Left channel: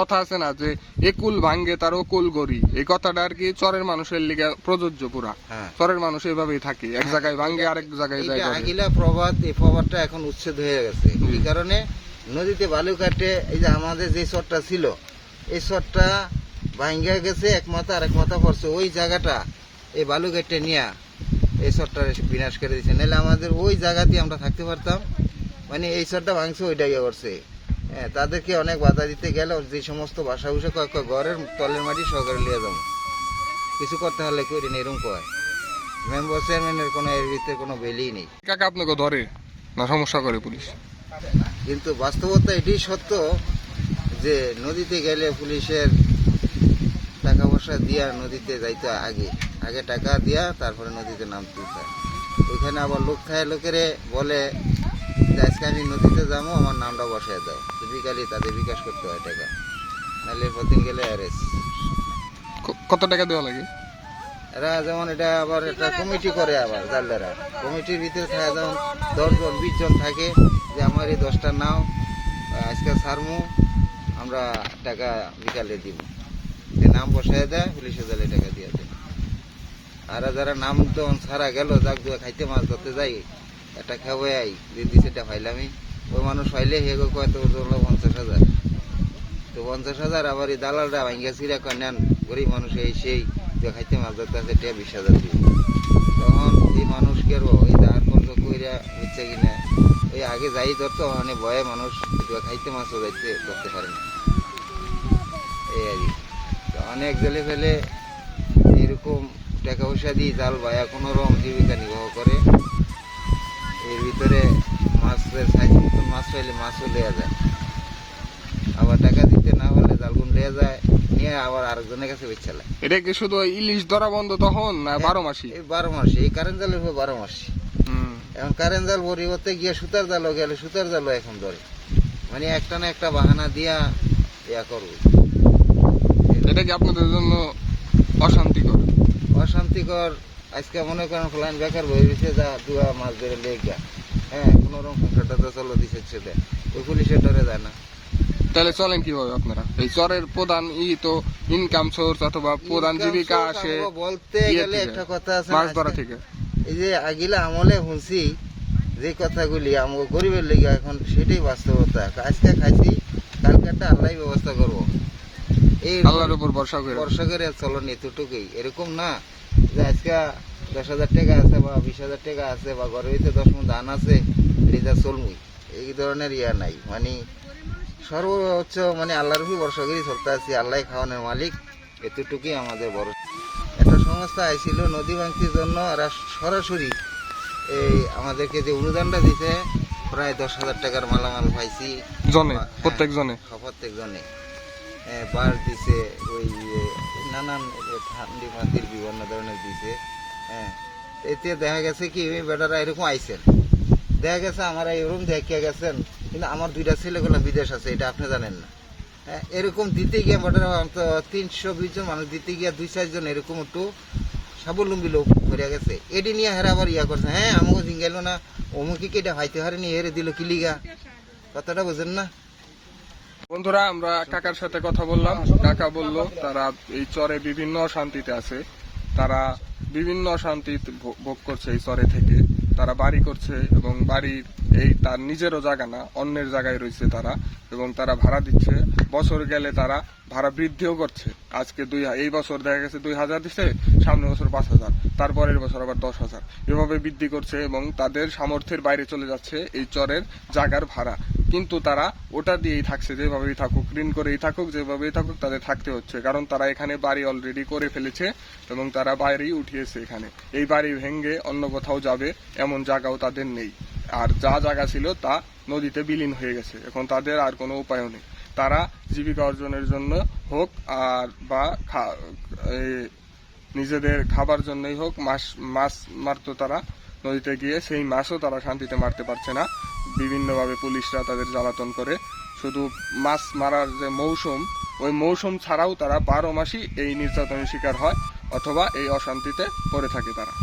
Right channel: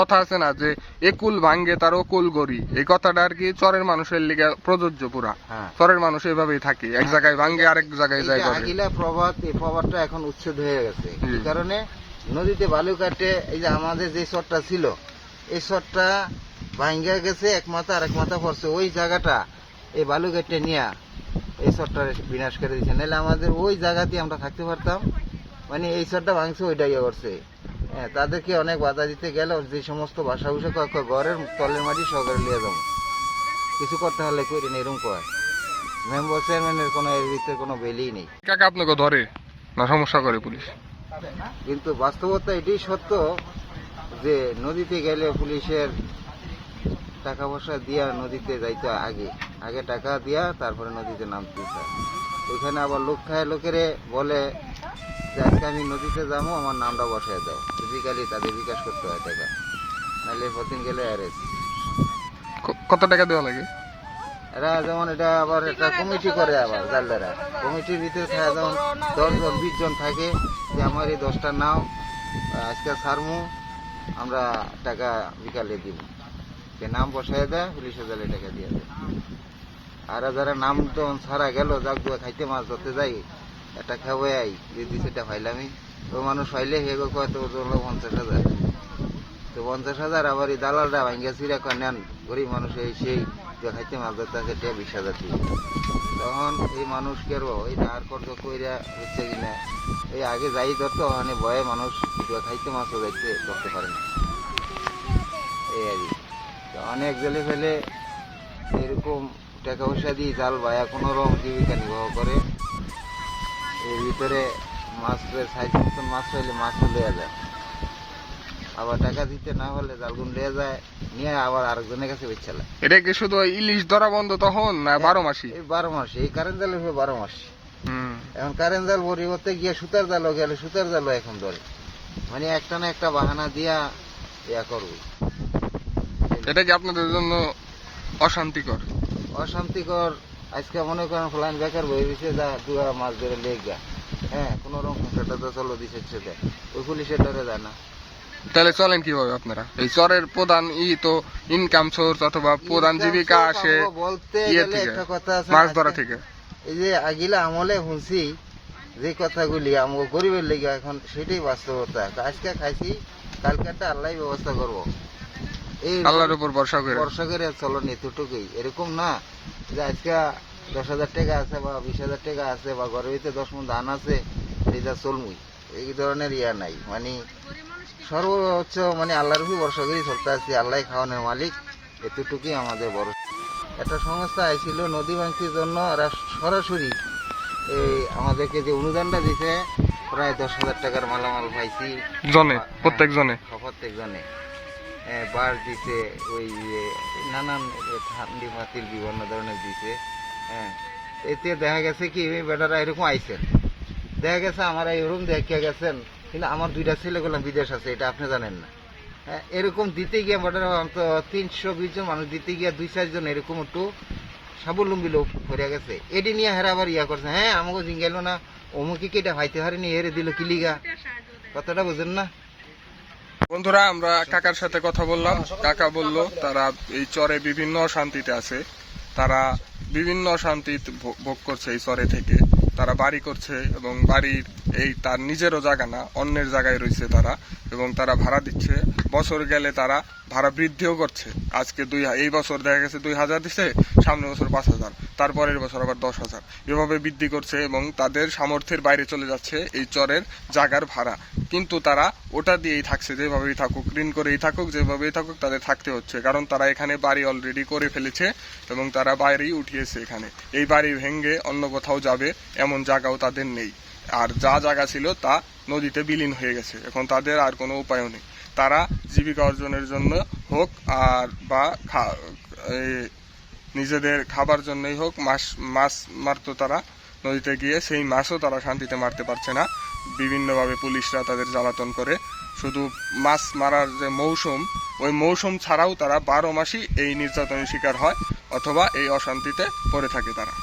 কথা আছে না যে একুল ভাঙ্গে তার অকুল গড়ি, এই কথাটা আর কি চরের মানুষের লিগে প্রযোজ্য পুরা। চরের মানুষ এভাবেই থাকে, এক জায়গায় ভাঙ্গে আরেক জায়গায় যায়। আগিলা প্রবাদ, এই প্রবাদটা এখন উচ্ছেদ হয়ে গেছে। এই কারণে নদীতে বালু কাটে, এই যে আমাদের যে চরটা ছিল এই চরটা ভাঙ্গা গেছে, এক মাথা আর এক মাথা পড়ছে, ওই জায়গাটা এই বালু কেটে নিয়ে এই চরটা বিনাশ করে দিচ্ছে। নাহলে আমাদের ওই জায়গাতে আমরা থাকতে পারতাম। মানে এই চরটা ভাঙছে ওইটা ইয়ে করছে। হ্যাঁ, তাদেরকে অনেক বাধা দিতে গেল, যে সমস্ত বাসা বুসা ঘরের তলের মাটি সহকারে লিয়ে যাবো, কিছু করতে হলে করি না, এরকম কয় মেম্বার চেয়ারম্যানের কোনো এর ভিতরে কোনো বেলি নেই। কাকা আপনাকে ধরে না সমস্যা করে পুলিশ? কিন্তু বাস্তবতা এটাই সত্য যে নদীতে গেলে পুলিশের টাকা পয়সা দিয়া নদীতে যাইতে আগে আগে টাকা দিয়া তারপরে নদীতে নামতে হয়। ওইখানে আবার লোক খায়, লোকেরে বলে যে আজকে আমি নদীতে যাবো, আমার নামটা বসায় দাও, ফিজিক্যালি তাদের বিকাশ করতে হয় টাকা, নাহলে প্রতিদিন গেলে অ্যারেস্ট। কত টাকা দেওয়া লাগে? এরা যেমন এটা আবার একটা কমিটি করে, আবার জালদারা কমিটির ভিতরে থাকা যেমন 10 জন 20 জন থাকে, যে আমার এই 10টা নাও আজকে ছাড়মু, আমরা টাকা বিকালে দিব, নাম বসায় দেয়, পুলিশের জালে টাকা দিয়ে দেয়। আর যারা নাম যখন ছাড়া গেল, যাক খাইতে মাছ ধরতে যাই, একটা খাওয়াই আই দিদি, সেটা ফাইলামি, তো মানুষ ফাইলে হেগো কত 50,000, তো 50,000 আবার এই দালালরা ভাঙ্গা চিরা নেন, গরিব মানুষ এই সেই খাইতে মাছ ধরতে আছে, 20,000 দিয়ে। তখন এই মানুষকে ওই ধার কর্জ কইরা হচ্ছে কিনা, এই আগে যাই ধরতো, মানে ভয়ে মানুষ খাইতে মাছও যাইতে ধরতে পারে না। এই আর কি অনেক গেলে ফেলে এরকম টাকা পয়সা দিয়ে জাল ভায়া কোনো রকম জীবিকা নির্বাহ করে। এর ভিতরে মাছের সাইজ মতন মাছ পাইলে মাছও লেয়া যায়, আবার টাকা দিতে না পারলে জালগুন লেয়া যায়, নিয়ে আবার আরেকজনের কাছে বেচালে। এটা কি শুধু ইলিশ ধরা বন্ধ তখন না 12 মাসই? এই 12 মাসে, এই কারেন্ট জালের 12 মাস। এখন কারেন্ট জাল পরিবর্তে গিয়ে সুতার জালও গেলে, সুতার জালও এখন ধরে, মানে একটা না একটা বাহানা দিয়া ইয়া করবো। এটা কি আপনাদের জন্য অশান্তিকর? অশান্তিকর। আজকে মনে করেন ফলান বেকার বই গেছে, যা দুয়া মাছ ধরে লেগ যায়, হ্যাঁ, কোন রকম সংসারটা তো চলো দিচ্ছে, সেটা ওই পুলিশের ডরে যায় না। তাহলে চলেন কিভাবে আপনারা? এই চরের প্রধান তো ইনকাম সোর্স অথবা প্রধান জীবিকা আসে বলতে গেলে একটা কথা আছে, মাছ ধরা থেকে। এই যে আগিলা আমলে শুনছি যে কথাগুলি আমাকে গরিবের লেগে, এখন সেটাই বাস্তবতা। আজকে খাইছি, কালকে একটা আল্লাহ ব্যবস্থা করবো, এই আল্লাহর উপর ভরসা করে চলন এতটুকুই। এরকম না যে আজকে 10,000 টাকা আছে বা 20,000 টাকা আছে বা ঘরের ভিতরে 10 মণ ধান আছে, এটা চলমুই, এই ধরনের ইয়া নাই। মানে সর্বোচ্চ মানে আল্লাহর উপর ভরসা করে চলতে আছি, আল্লাহ খাওয়ানোর মালিক, এতটুকুই আমাদের বড়। একটা সংস্থা আইছিল নদী ভাঙতির জন্য, ওরা সরাসরি এই আমাদেরকে যে অনুদানটা দিতে, প্রায় 10,000 টাকার মালামাল পাইছি জনে, প্রত্যেক জনে বার দিছে, ওই নানান ঠান্ডি মাতির বিভিন্ন ধরনের দিছে। হ্যাঁ, এতে দেখা গেছে কি বেটারা এরকম আইসেন, দেখা গেছে আমার এরকম দেখে গেছেন, কিন্তু আমার 2টা ছেলেগুলো বিদেশ আছে, এটা আপনি জানেন না। হ্যাঁ, এরকম দিতে গিয়ে বেটারা 320 জন মানুষ দিতে গিয়ে 2-4 জন এরকম একটু স্বাবলম্বী লোক হয়ে গেছে, এটি নিয়ে হেরা আবার ইয়া করছে, হ্যাঁ আমাকে জিঙ্গাইল না, অমুকে এটা হাইতে হারেনি, হেরে দিল কিলিগা, কথাটা বুঝেন না? বন্ধুরা, আমরা কাকার সাথে কথা বললাম, কাকা বলল তারা এই চরে বিভিন্ন অশান্তিতে আছে, তারা বিভিন্ন অশান্তি ভোগ করছে এই চরে থেকে, তারা বাড়ি করছে এবং বাড়ির এই তার নিজেরও জায়গা না, অন্যের জায়গায় রয়েছে তারা, এবং তারা ভাড়া দিচ্ছে। বছর গেলে তারা ভাড়া বৃদ্ধিও করছে। আজকে এই বছর দেখা গেছে 2,000 দিচ্ছে, সামনের বছর 5,000, তারপরের বছর আবার 10,000, এভাবে বৃদ্ধি করছে এবং তাদের সামর্থ্যের বাইরে চলে যাচ্ছে এই চরের জায়গার ভাড়া। কিন্তু তারা ওটা দিয়েই থাকছে, যেভাবেই থাকুক, ঋণ করেই থাকুক, যেভাবেই থাকুক, তাদের থাকতে হচ্ছে, কারণ তারা এখানে বাড়ি অলরেডি করে ফেলেছে এবং তারা বাড়ি উঠিয়েছে এখানে। এই বাড়ি ভেঙে অন্য কোথাও যাবে এমন জায়গাও তাদের নেই, আর যা জায়গা ছিল তা নদীতে বিলীন হয়ে গেছে। এখন তাদের আর কোনো উপায়ও নেই। তারা জীবিকা অর্জনের জন্য হোক আর বা নিজেদের খাবার জন্যই হোক মাছ মারতো তারা নদীতে গিয়ে, সেই মাছও তারা শান্তিতে মারতে পারছে না। বিভিন্নভাবে পুলিশরা তাদের জ্বালাতন করে। শুধু মাছ মারার যে মৌসুম, ওই মৌসুম ছাড়াও তারা 12 মাসই এই নির্যাতনের শিকার হয় অথবা এই অশান্তিতে পড়ে থাকে তারা।